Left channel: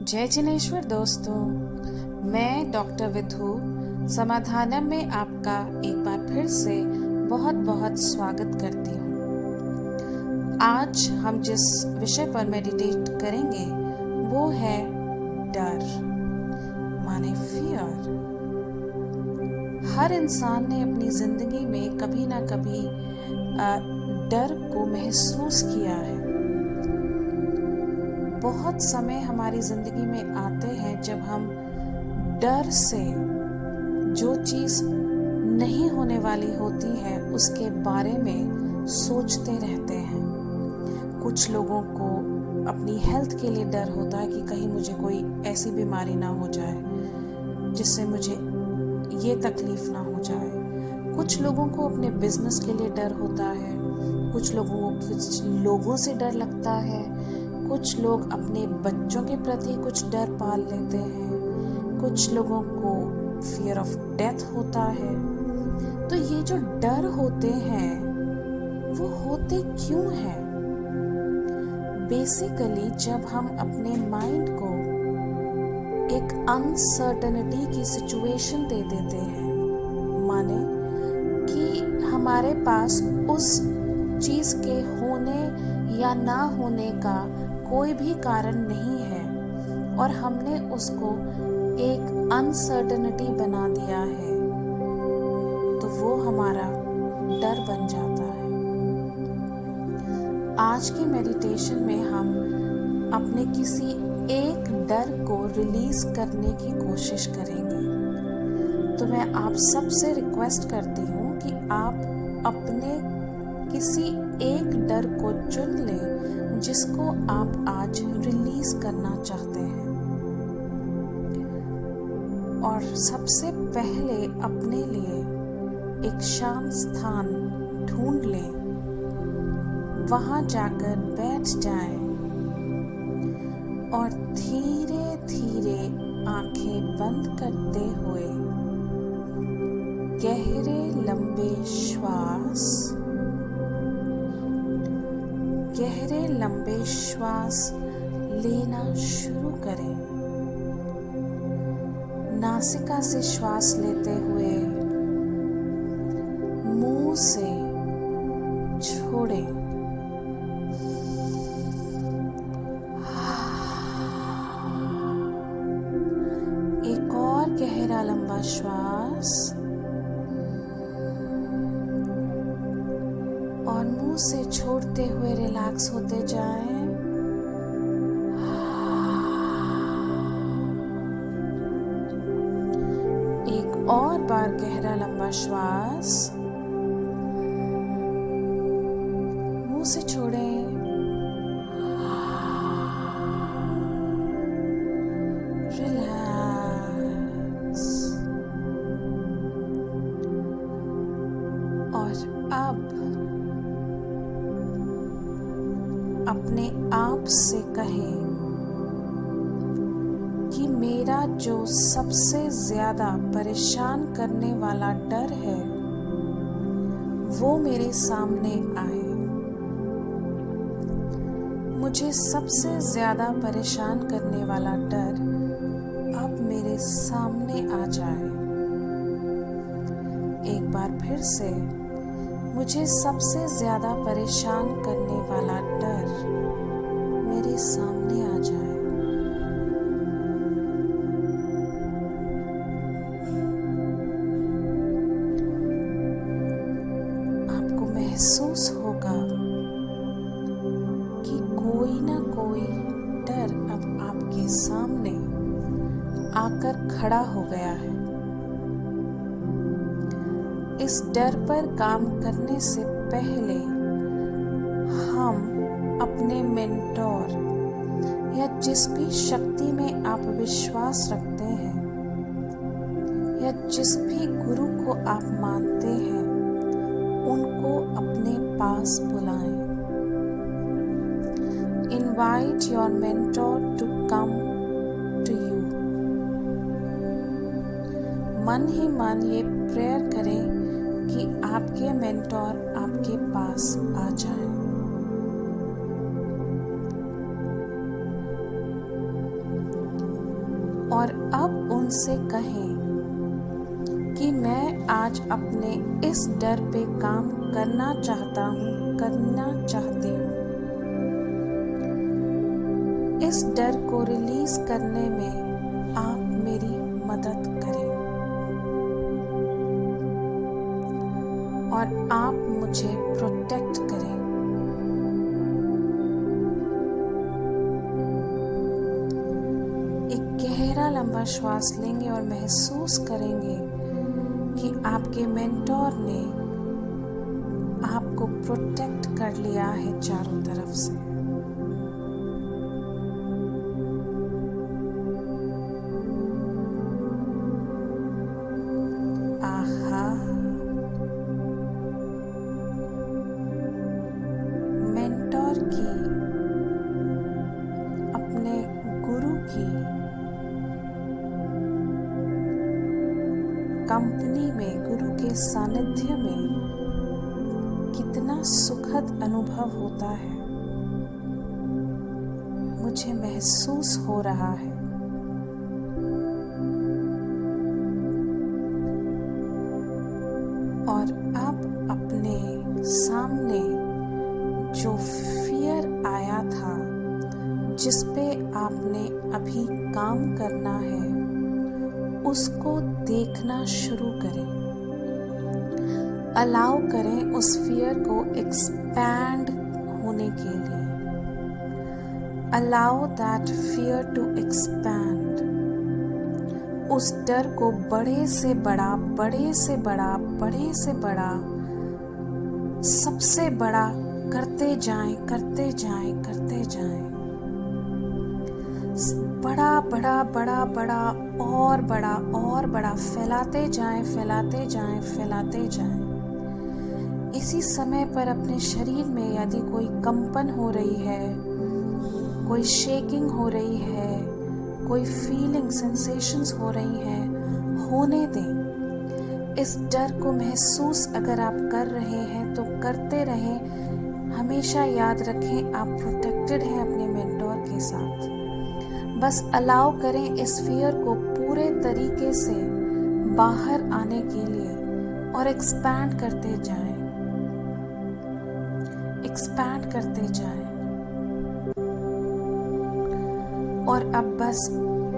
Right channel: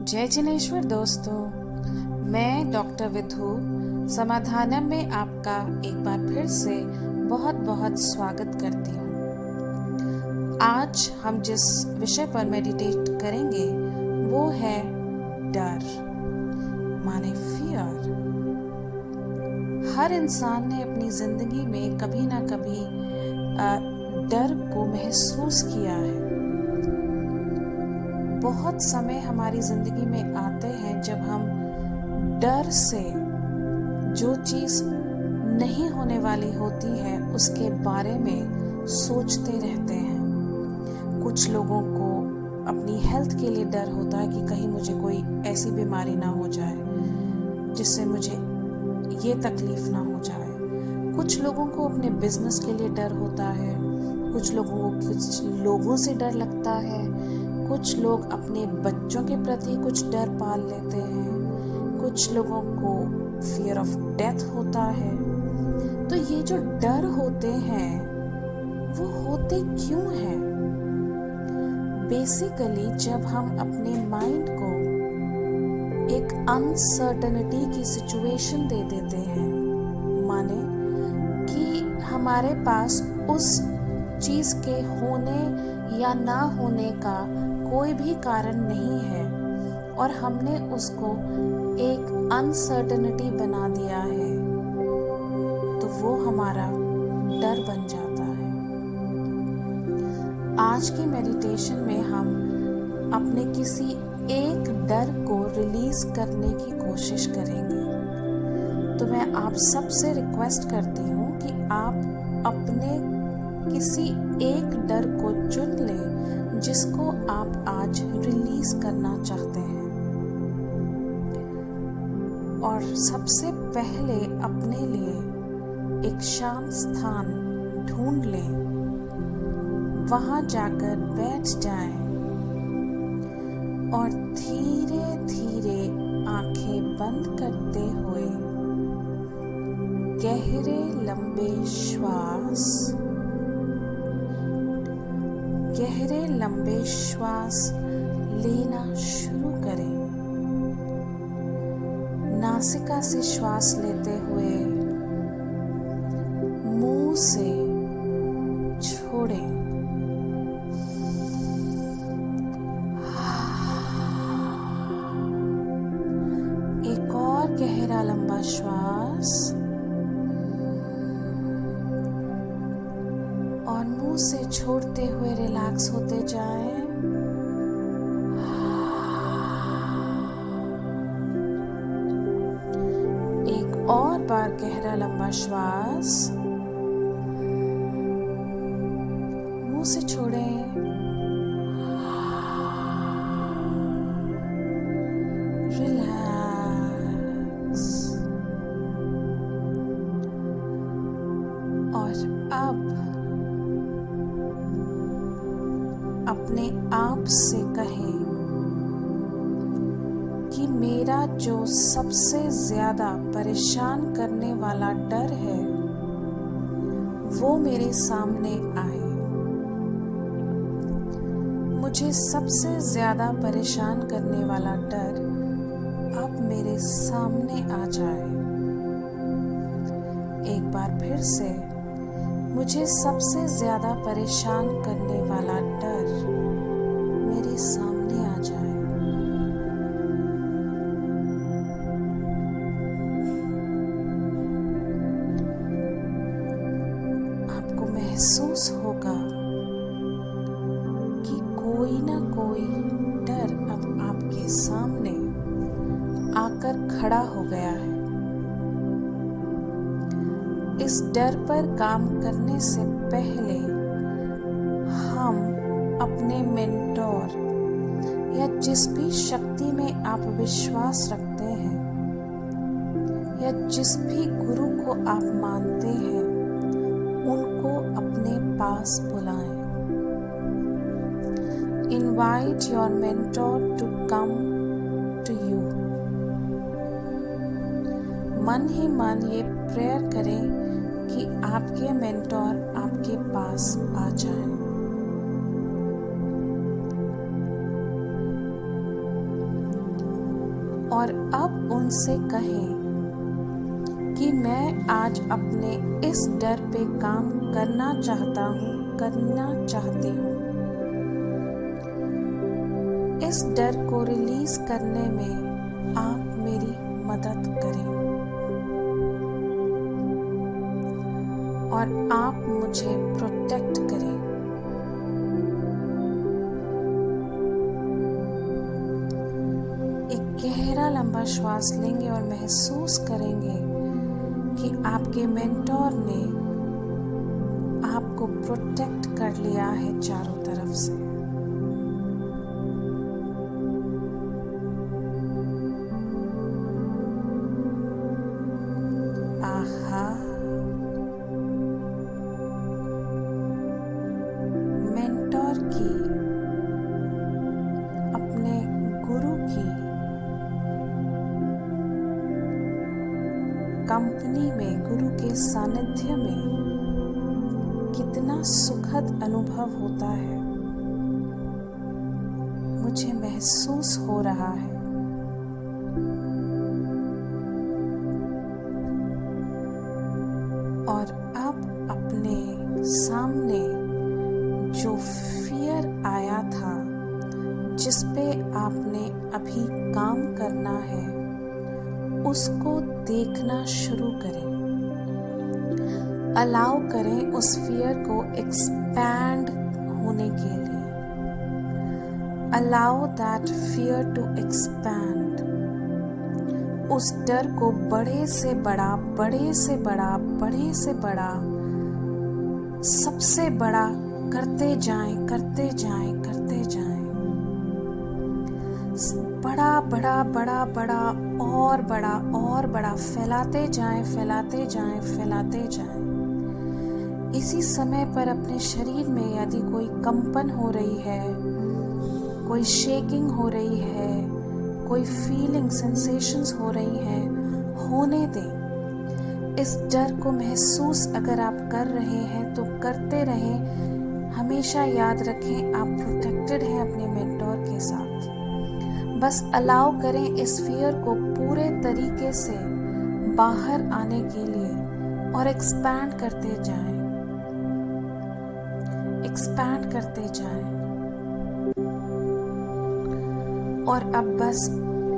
जय जिनेश्वर दोस्तों, मैं डॉक्टर विधु समाधानम में आपका एक बार फिर से बहुत बहुत स्वागत करती हूँ। आज हम जिस विषय पर मेडिटेट करेंगे वो है डर, माने फियर। हर इंसान ने अपनी जिंदगी में कभी ना कभी डर को महसूस किया है। बहुत समय हमारी जिंदगी में आते हैं जब हम डर से जो चीज नहीं होने वाली होती है उसके बारे में सोचते रहते हैं। कुछ लोगों को अपनी हेल्थ के लिए डर होता है कि कहीं मुझे कोई ऐसी बीमारी ना हो जाए जिससे मुझे ये तकलीफ ना हो जाए। कुछ लोगों को अपने बिजनेस के लिए डर होता है, कुछ लोगों से डर लगता है, कुछ लोग अपने बच्चों के प्रति कुछ डर पाल लेते हैं, कुछ लोगों को फियर ऑफ डेथ होता है। तो ये जो डर होते हैं वो होते क्यों हैं? बेसिकली जब हम अपने माइंड को एक अनसर्टेनिटी की सिचुएशन दे देते हैं, माने कि हमारे पास उस चीज के होने या ना होने का कोई भी कारण नहीं है और हमने उसको एक अनसर्टेनिटी बना दिया है, तो वो हमारा डर बन जाता है। आज के मेडिटेशन में हम अपने किसी एक डर को रिलीज करने की कोशिश करेंगे। तो मैं आप सबसे रिक्वेस्ट करती हूँ कि आप अपने किसी एक डर को चुन लें जिसको आप आज रिलीज करना चाहते हैं। और सबसे पहले अपने लिए एक शांत स्थान ढूंढ लें, वहां जाकर बैठ जाएं और धीरे धीरे आंखें बंद करते हुए गहरे लंबे श्वास लेना शुरू करें। नासिका से श्वास लेते हुए मुंह से छोड़ें। एक और गहरा लंबा श्वास और मुंह से छोड़ते हुए रिलैक्स होते जाएं। एक और बार गहरा लंबा श्वास, मुंह से छोड़ें। रिलैक्स। और अब अपने आप से कहें कि मेरा जो सबसे ज्यादा परेशान करने वाला डर है वो मेरे सामने आए। मुझे सबसे ज्यादा परेशान करने वाला डर अब मेरे सामने आ जाए। एक बार फिर से, मुझे सबसे ज्यादा परेशान करने वाला डर मेरे सामने आ जाए। आपको महसूस होगा कि कोई ना कोई डर अब आपके सामने आकर खड़ा हो गया है। इस डर पर काम करने से पहले हम अपने मेंटोर या जिस भी शक्ति में आप विश्वास रखते हैं या जिस भी गुरु को आप मानते हैं उनको अपने पास बुलाएं। Invite your mentor to come to you। मन ही मन ये प्रेयर करें कि आपके मेंटोर आपके पास आ जाए। और अब उनसे कहें कि मैं आज अपने इस डर पे काम करना चाहता हूँ, करना चाहती हूँ। इस डर को रिलीज करने में आप मेरी मदद करें और आप मुझे प्रोटेक्ट करें। एक गहरा लंबा श्वास लेंगे और महसूस करेंगे कि आपके मेंटोर ने आपको प्रोटेक्ट कर लिया है चारों तरफ से। आहा, मेंटोर की, अपने गुरु की कंपनी में, गुरु के सानिध्य में कितना सुखद अनुभव होता है, मुझे महसूस हो रहा है। और अब अपने सामने जो फियर आया था, जिस पे आपने अभी काम करना है, उसको देखना शुरू करें। अलाउ करें उस फियर को एक्सपैंड होने के लिए। Allow that fear to expand. उस डर को बड़े से बड़ा, बड़े से बड़ा, बड़े से बड़ा, सबसे बड़ा करते जाएं, करते जाएं, करते जाएं। बड़ा बड़ा बड़ा बड़ा और बड़ा और बड़ा फैलाते जाएं, फैलाते जाएं, फैलाते जाएं। इसी समय पर अपने शरीर में यदि कोई कंपन हो रही है, कोई शेकिंग हो रही है, कोई फीलिंग, सेंसेशंस हो रही हैं, होने दें। इस डर को महसूस अगर आप कर रहे हैं तो करते रहें। हमेशा याद रखें आप प्रोटेक्टेड हैं अपने मेंटोर के साथ। बस अलाउ करें इस फियर को पूरे तरीके से बाहर आने के लिए और एक्सपैंड करते जाएं, एक्सपैंड करते जाएं। और अब बस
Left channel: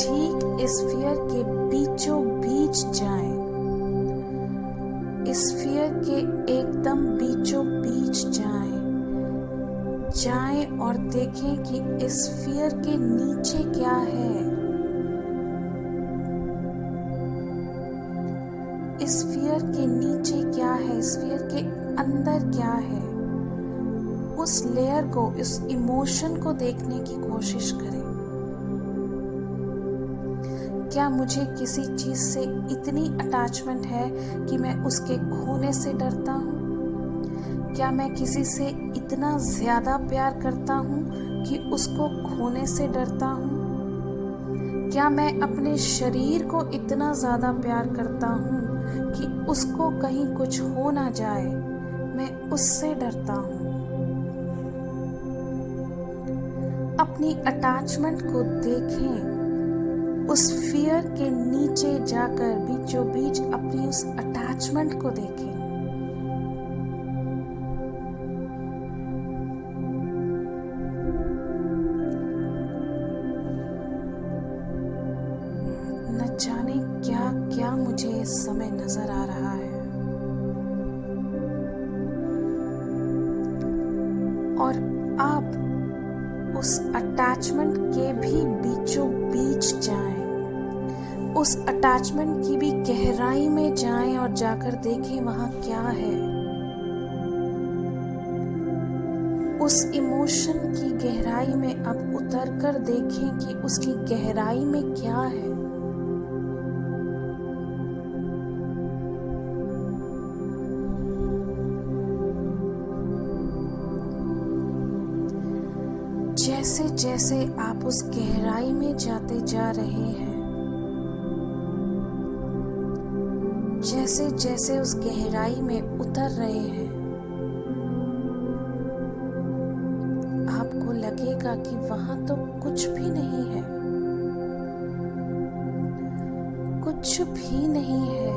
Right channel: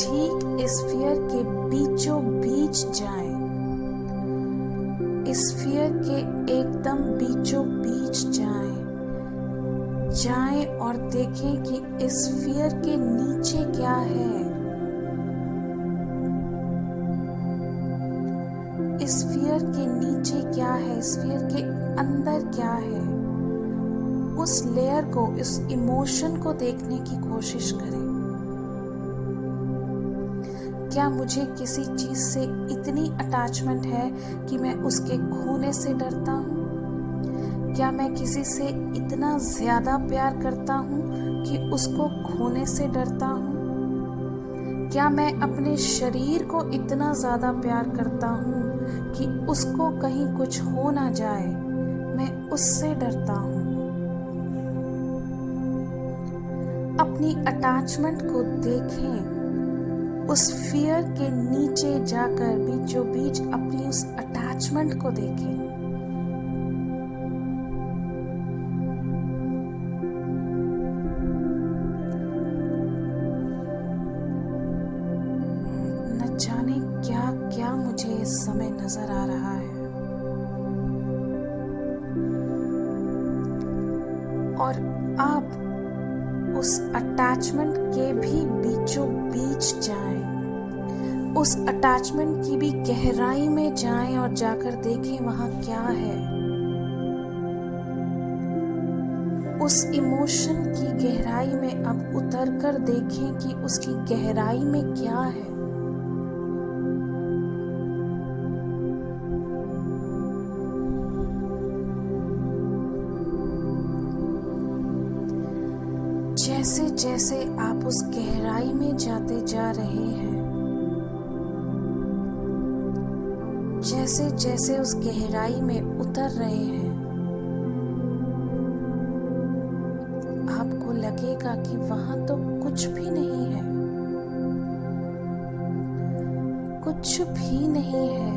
ठीक इस फियर के बीचों बीच जाएं, इस फियर के एकदम बीचों बीच जाएं, जाएं और देखें कि इस फियर के नीचे क्या है, इस फियर के नीचे क्या है, इस फियर के अंदर क्या है। उस लेयर को, उस इमोशन को देखने की कोशिश करें। क्या मुझे किसी चीज से इतनी अटैचमेंट है कि मैं उसके खोने से डरता हूँ? क्या मैं किसी से इतना ज्यादा प्यार करता हूँ कि उसको खोने से डरता हूँ? क्या मैं अपने शरीर को इतना ज्यादा प्यार करता हूँ कि उसको कहीं कुछ हो ना जाए, मैं उससे डरता हूँ? अपनी अटैचमेंट को देखें, उस फियर के नीचे जाकर बीचों बीच अपनी उस अटैचमेंट को देखें। न जाने क्या क्या मुझे इस समय नजर आ रहा है। और आप उस अटैचमेंट के भी बीचों बीच जाएं, उस अटैचमेंट की भी गहराई में जाएं और जाकर देखें वहां क्या है। उस इमोशन की गहराई में अब उतरकर देखें कि उसकी गहराई में क्या है। जैसे जैसे आप उस गहराई में जाते जा रहे हैं, जैसे जैसे उस गहराई में उतर रहे हैं, आपको लगेगा कि वहां तो कुछ भी नहीं है। कुछ भी नहीं है,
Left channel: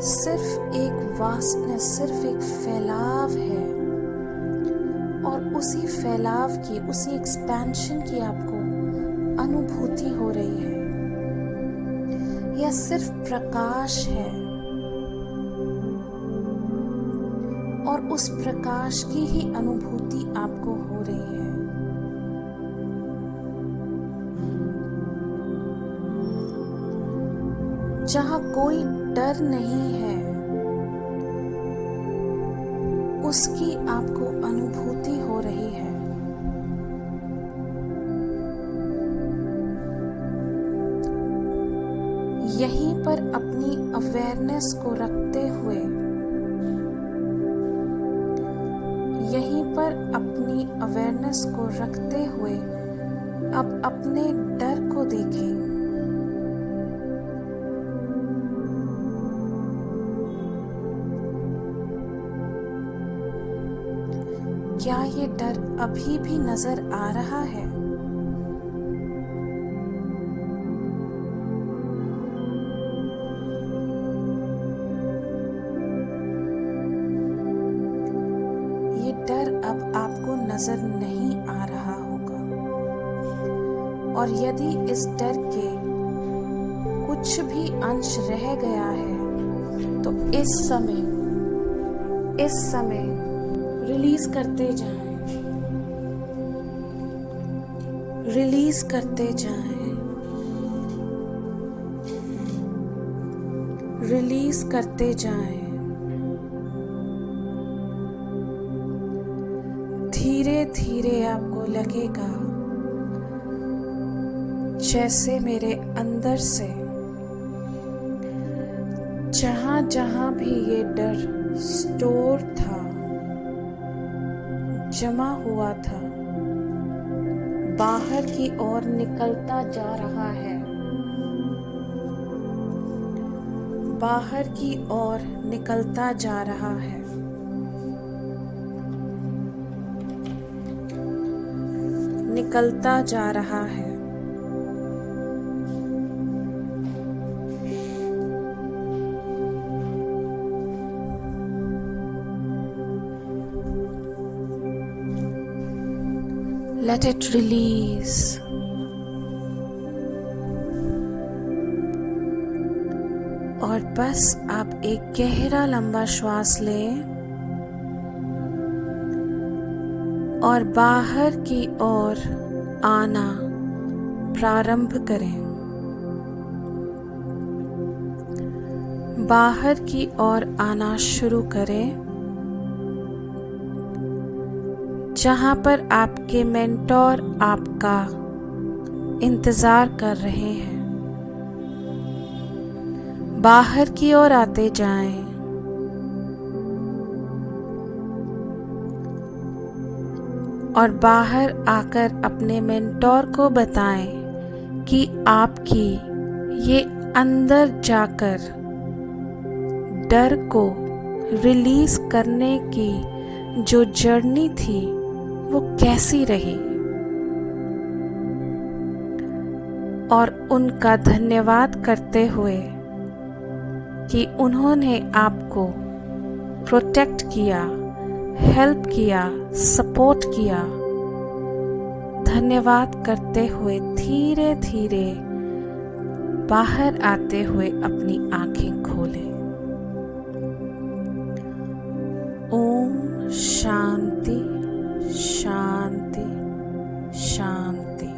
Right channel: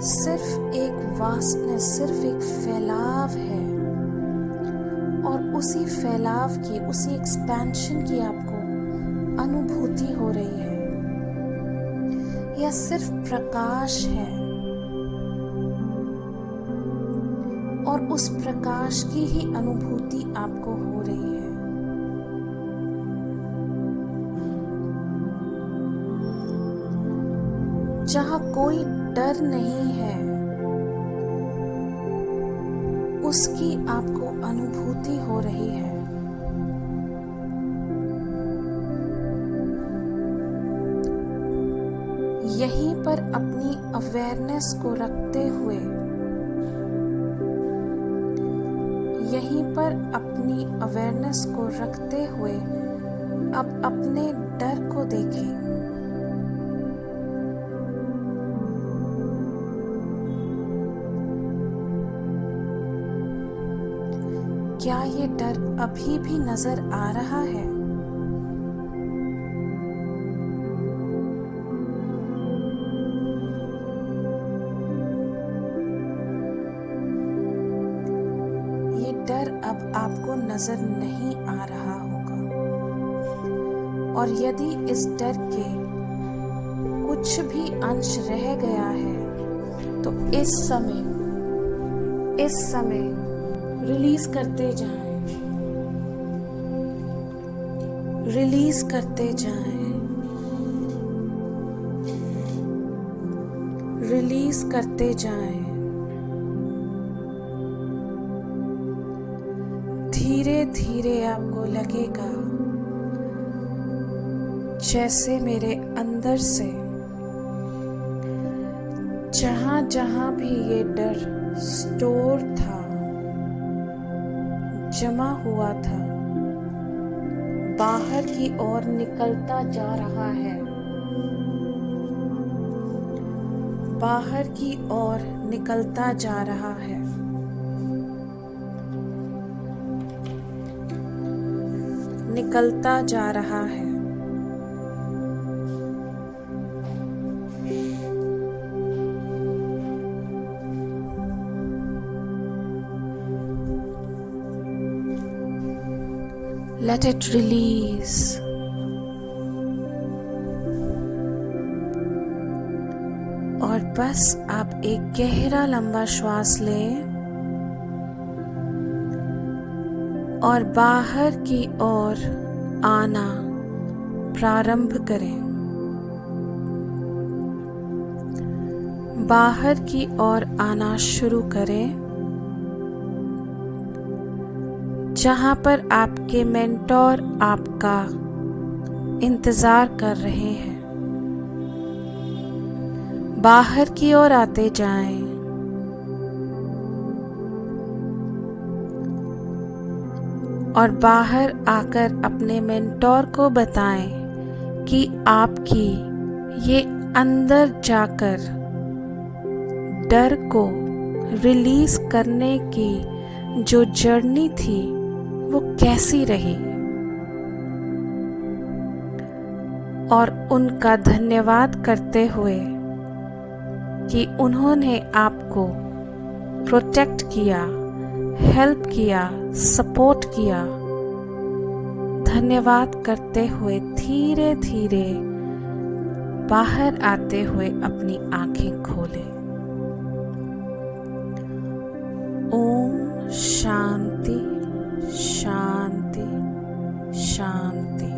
सिर्फ एक वास्टनेस, सिर्फ एक फैलाव है। और उसी फैलाव की, उसी एक्सपेंशन की आपको अनुभूति हो रही है। यह सिर्फ प्रकाश है और उस प्रकाश की ही अनुभूति आपको हो रही है। जहाँ कोई डर नहीं है, उसकी आपको अनुभूति हो रही है। यहीं पर अपनी अवेयरनेस को रखते हुए, यहीं पर अपनी अवेयरनेस को रखते हुए अब अपने डर को देखें। क्या ये डर अभी भी नजर आ रहा है? ये डर अब आपको नजर नहीं आ रहा होगा। और यदि इस डर के कुछ भी अंश रह गया है तो इस समय रिलीज करते जाएं, रिलीज करते जाएं, रिलीज करते जाएं। धीरे धीरे आपको लगेगा जैसे मेरे अंदर से जहां जहां भी ये डर स्टोर था, जमा हुआ था, बाहर की ओर निकलता जा रहा है, बाहर की ओर निकलता जा रहा है। निकलता जा रहा है। Let it release. और बस आप एक गहरा लंबा श्वास लें और बाहर की ओर आना प्रारंभ करें। बाहर की ओर आना शुरू करें, जहां पर आपके मेंटोर आपका इंतजार कर रहे हैं। बाहर की ओर आते जाएं। और बाहर आकर अपने मेंटोर को बताएं कि आपकी ये अंदर जाकर डर को रिलीज करने की जो जर्नी थी वो कैसी रही, और उनका धन्यवाद करते हुए कि उन्होंने आपको प्रोटेक्ट किया, हेल्प किया, सपोर्ट किया। धन्यवाद करते हुए धीरे धीरे बाहर आते हुए अपनी आंखें खोलें। ओम शांति शांति शांति।